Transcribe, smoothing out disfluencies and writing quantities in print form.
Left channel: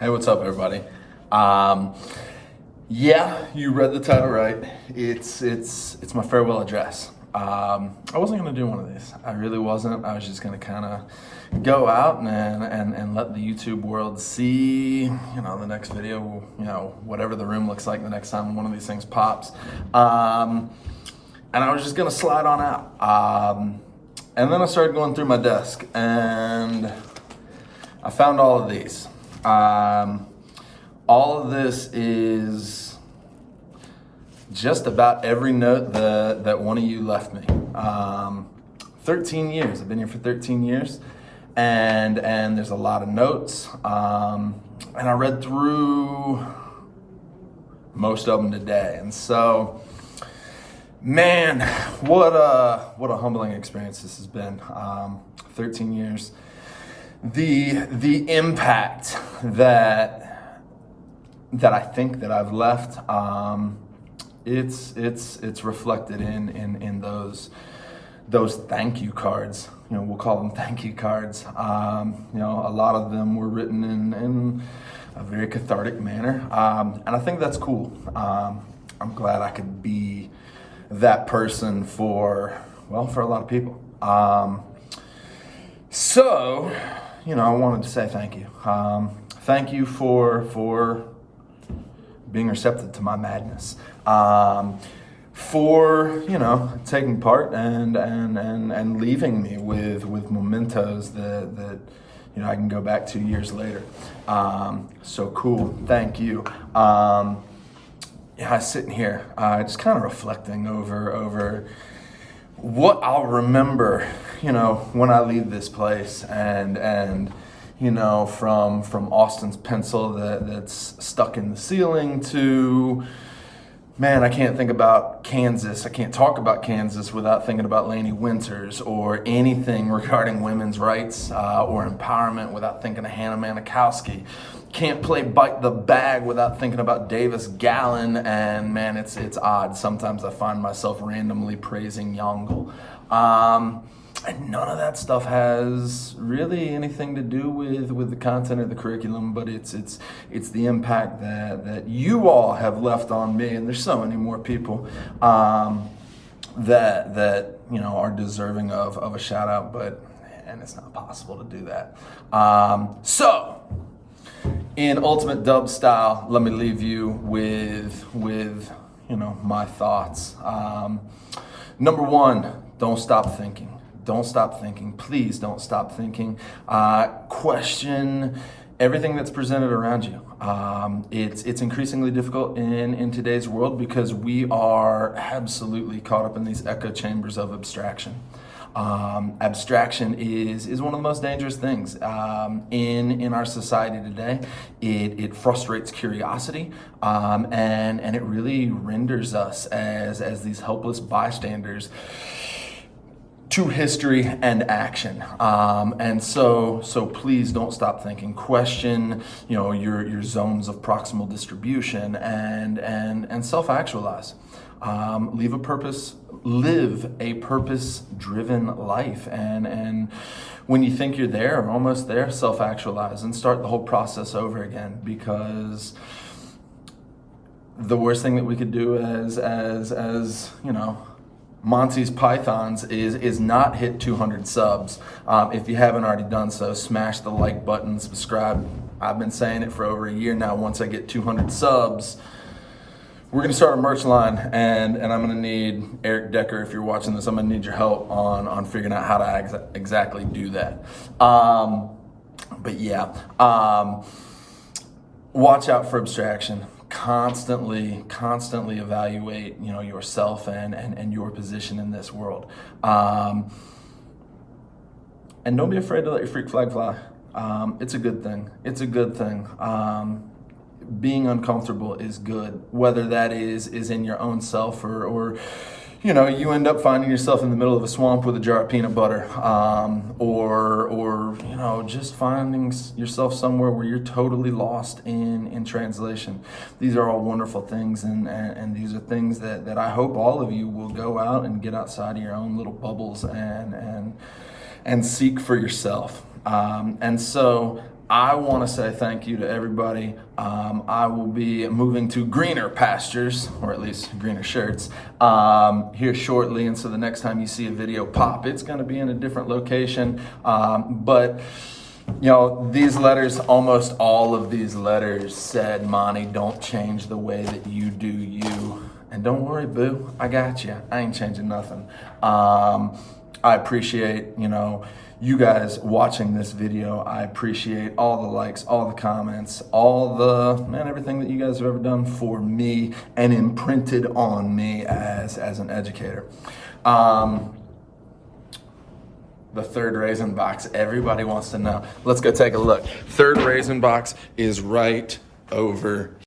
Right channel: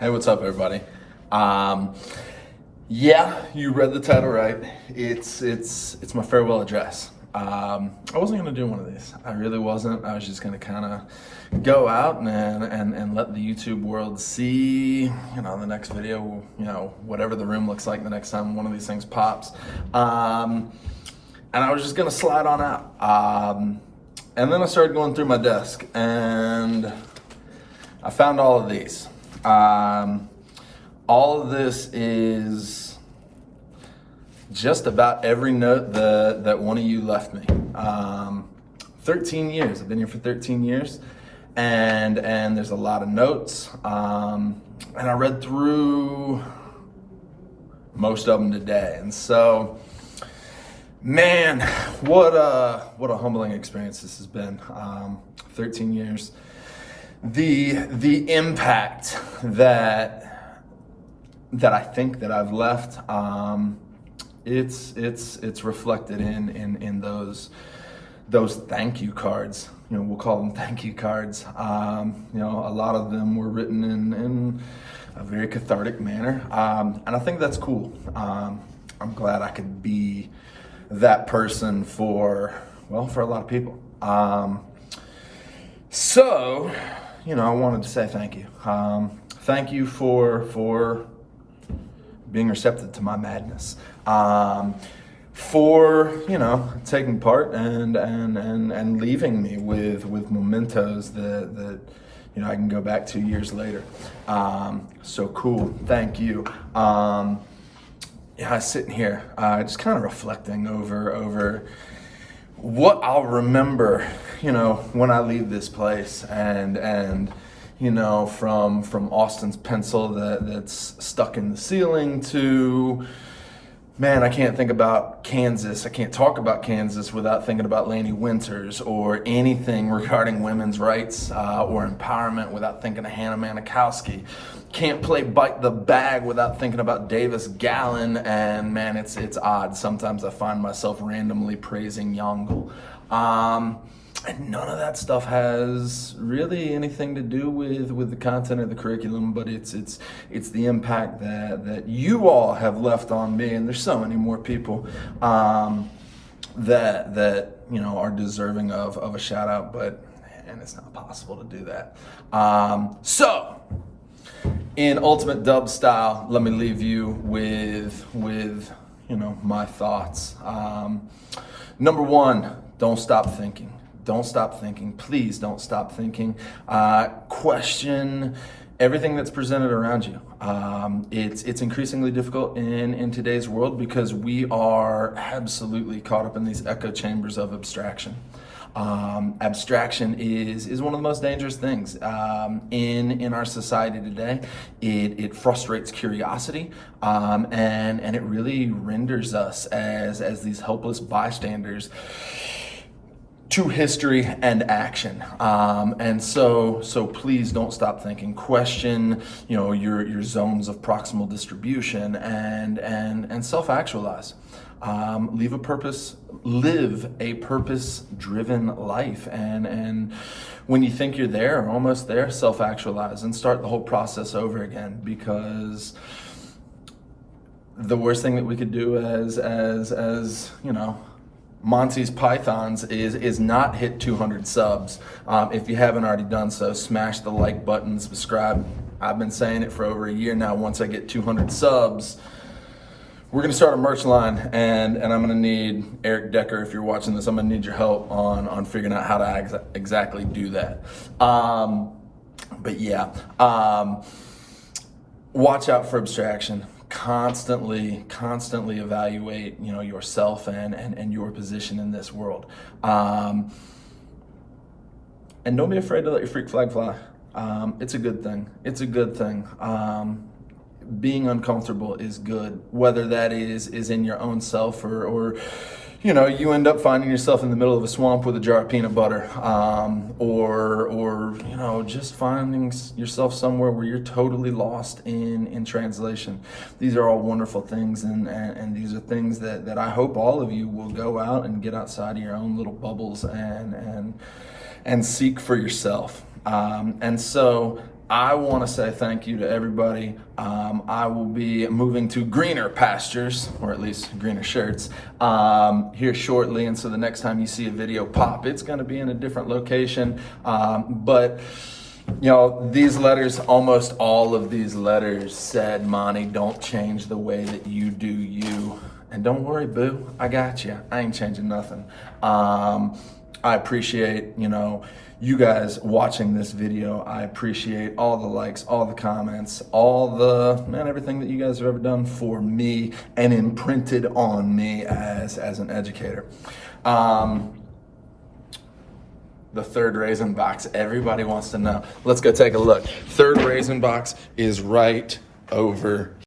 Hey, what's up, everybody? Um, yeah, you read the title right. It's my farewell address. I wasn't gonna do one of these. I really wasn't. I was just gonna kind of go out and let the YouTube world see, the next video, whatever the room looks like the next time one of these things pops. And I was just gonna slide on out. And then I started going through my desk and I found all of these. All of this is just about every note that one of you left me. 13 years, I've been here for 13 years, and there's a lot of notes, and I read through most of them today, and so, man, what a humbling experience this has been. 13 years. The impact that I think that I've left, it's reflected in those thank you cards. We'll call them thank you cards. A lot of them were written in a very cathartic manner, and I think that's cool. I'm glad I could be that person for a lot of people. So, I wanted to say thank you. Thank you for being receptive to my madness. For taking part and leaving me with mementos that I can go back to years later. So cool. Thank you. I was sitting here just kind of reflecting over what I'll remember, when I leave this place, and from Austin's pencil that's stuck in the ceiling to, man, I can't think about Kansas. I can't talk about Kansas without thinking about Lainey Winters, or anything regarding women's rights or empowerment without thinking of Hannah Manikowski. Can't play Bite the Bag without thinking about Davis Gallon, and man, it's odd. Sometimes I find myself randomly praising Yongle. And none of that stuff has really anything to do with the content of the curriculum, but it's the impact that you all have left on me, and there's so many more people that are deserving of a shout out, and it's not possible to do that. So in ultimate dub style, let me leave you with my thoughts. Number one, don't stop thinking. Don't stop thinking. Please don't stop thinking. Question everything that's presented around you. It's increasingly difficult in today's world because we are absolutely caught up in these echo chambers of abstraction. Abstraction is one of the most dangerous things in our society today. It frustrates curiosity, and it really renders us as these helpless bystanders to history and action. And so please don't stop thinking. Question, your zones of proximal distribution, and self-actualize. Live a purpose-driven life. And when you think you're there or almost there, self-actualize and start the whole process over again, because the worst thing that we could do as Monte's Pythons is not hit 200 subs. If you haven't already done so, smash the like button, subscribe. I've been saying it for over a year now. Once I get 200 subs, we're gonna start a merch line, and I'm gonna need Eric Decker. If you're watching this, I'm gonna need your help on figuring out how to exactly do that. But yeah, watch out for abstraction. Constantly evaluate, yourself and your position in this world. And don't be afraid to let your freak flag fly. It's a good thing. It's a good thing. Being uncomfortable is good, whether that is in your own self or you end up finding yourself in the middle of a swamp with a jar of peanut butter, or just finding yourself somewhere where you're totally lost in translation. These are all wonderful things, and these are things that I hope all of you will go out and get outside of your own little bubbles and seek for yourself. And so I want to say thank you to everybody. I will be moving to greener pastures, or at least greener shirts, here shortly. And so the next time you see a video pop, it's going to be in a different location. But you know, these letters, almost all of these letters said, Monte, don't change the way that you do you. And don't worry, boo, I got you. I ain't changing nothing. I appreciate, you know, you guys watching this video. I appreciate all the likes, all the comments, everything that you guys have ever done for me and imprinted on me as an educator. The third raisin box, everybody wants to know. Let's go take a look. Third raisin box is right over